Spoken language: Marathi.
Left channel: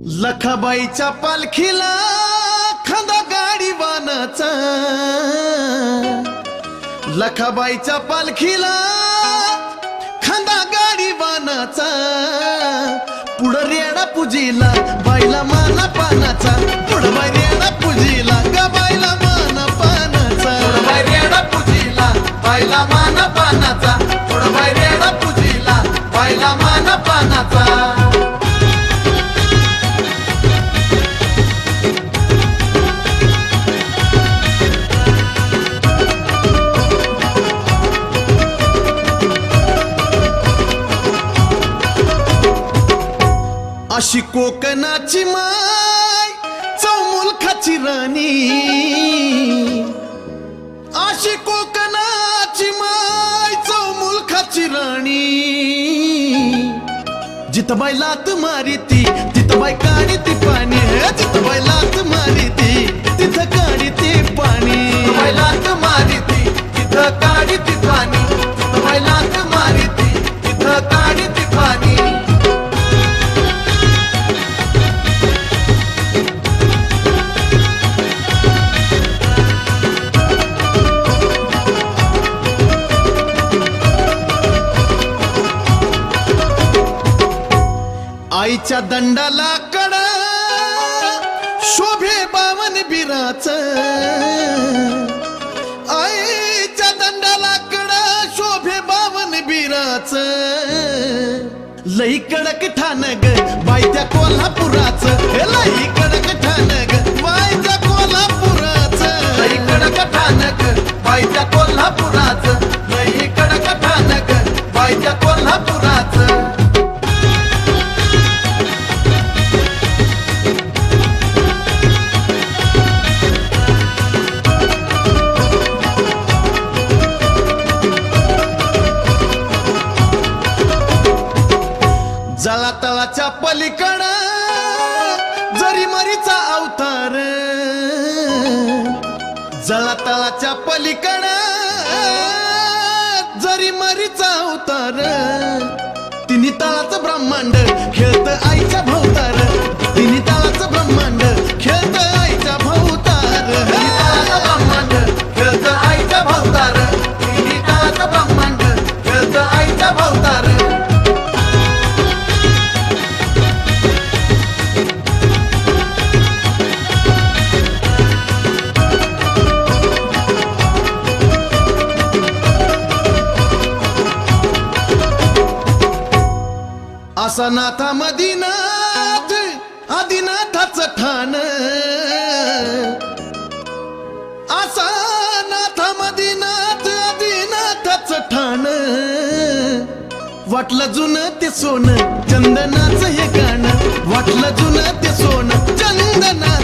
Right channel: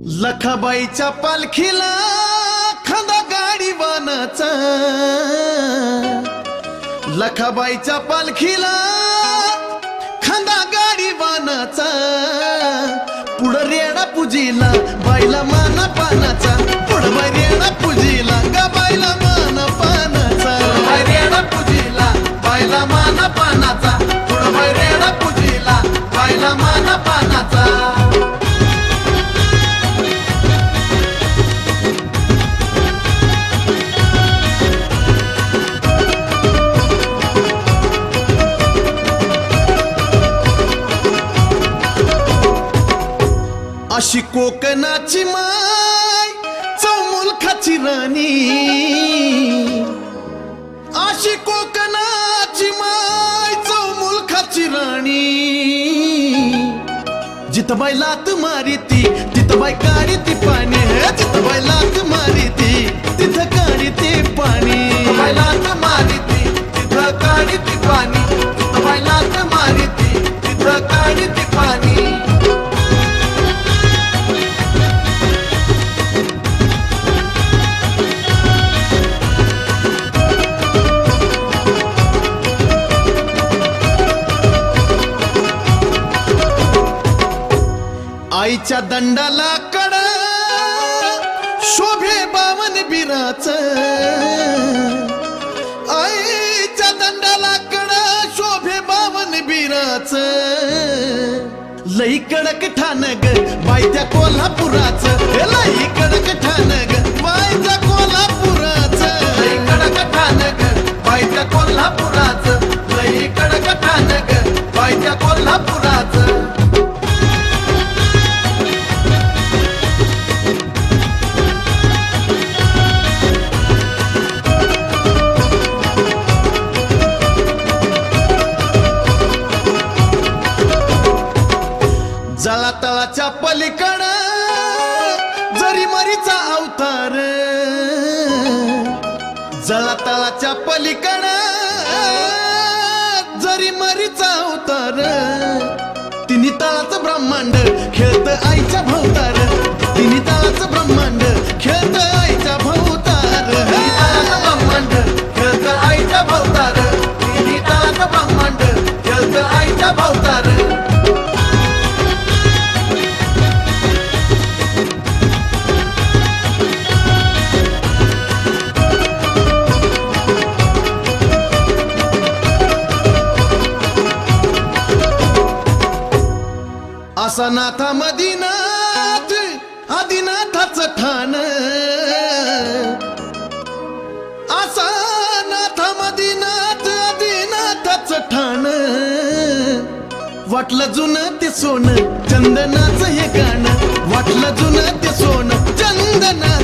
लखाबाईच्या पालखीला खांदा गाडीवानाचा, लखाबाईच्या पालखीला खांदा गाडीवानाचा, पुढं रेडा पूजीला बाईला माना पानाचा, पुढं बाई रेडा पूजीला गा बाईला माना पानाचा, बाई रेडा पूजीला बाईला माना पानाचा, पुढं बाई रेडा पूजीला बाईला माना पानाचा. अशी कोकणाची माय चौमुलखाची राणी, अशी कोकणाची माय चौमुलखाची राणी, जिथं बाई लात मारिती तिथं बाई काढी ती पाणी, जिथं बाई लात मारिती तिथं काढी ती पाणी, बाई लात मारिती तिथं काढी ती पाणी, जिथं बाई लात मारिती तिथं काढी ती पाणी. आईच्या दंडाला कडा शोभे बावन बिराच, आईच्या दंडाला कडा शोभे बावन बिराच, लई कडक ठाण ग बाई त्या कोल्हापुराच, लई कडक ठाण ग बाई त्या कोल्हापुराच, लई कडक ठाण ग बाई त्या कोल्हापुराच, लई कडक ठाण ग बाई त्या कोल्हापुराच. जळा तळाच्या पलीकडं जरी मरीचा अवतार, जळा तळाच्या पलीकडं जरी मरीचा अवतार, तिन्ही तळाचं ब्रह्मांड खेळत आईच्या भोवतार, तिन्ही तळाचं ब्रह्मांड खेळत आईच्या भोवतार, ब्रह्मांड खेळत आईच्या भोवतार, तिन्ही तळाचं ब्रह्मांड खेळत आईच्या भोवतार. असा नाथा मदीनाथ आदिनाथाचं ठाण, असा नाथा मदीनाथ आदिनाथाचं ठाण, वाटलं जुनं ते सोनं चंदनाचं हे गाणं, वाटलं जुनं ते सोनं चंदनाचं